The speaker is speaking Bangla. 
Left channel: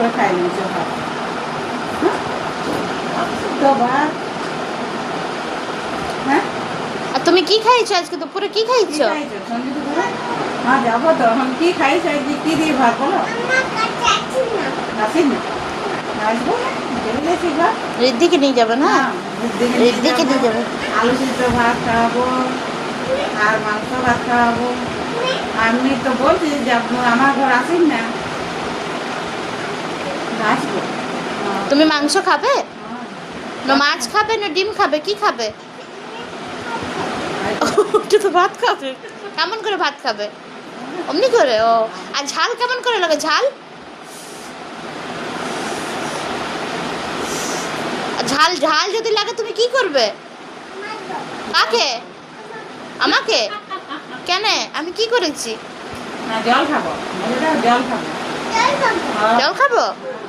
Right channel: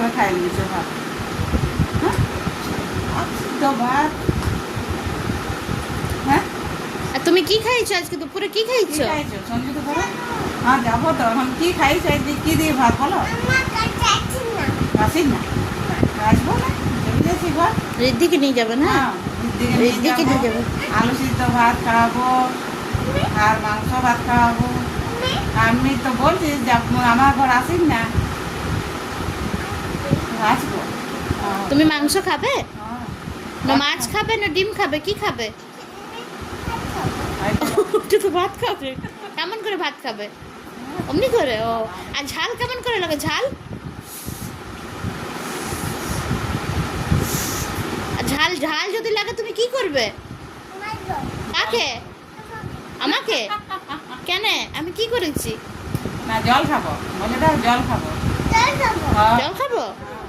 ধরে খাই নিয়েছে ভাত। তো ভাত। হ্যাঁ, আর তুমি কি খাইছো আজকে দুপুরে? কি কি খাইছো? খাইছো সঞ্জিত ধরে? হ্যাঁ যাবো তো এখন। কি খাইছো আজকে? কি দিয়ে ভাত বলো? আসিস না? আসবো চলে ভাত। ঋদ্ধিকে নিয়ে যাবে না? হ্যাঁ, ঋদ্ধিকে নিয়ে ঋদ্ধিকে নিয়ে যাবে। আলু সিদ্ধ ভাত খাওয়াবো আর মাংস ভাত খাওয়াবো। আমি তো বলছি যে আমার ঘর আসিস না, আসবো। তুমি মাংস খাবে হ্যাঁ। না মাছ খাবে না ডিম খাবে? কি খাবে? এই তো। ওটা তো ভাত খাবে। কেমন করে ভাত খাবে? অমনি করে? ও, আর ঝাল কেমন করে লাগে? ঝাল ঝাল ঝাল যদি লাগে তুমি কি করবে? কাকে? আমাকে? কেন? আমি কি করেছি? না জল খাবো, বলে দাও জল খাবো। জল খাবো? হ্যাঁ।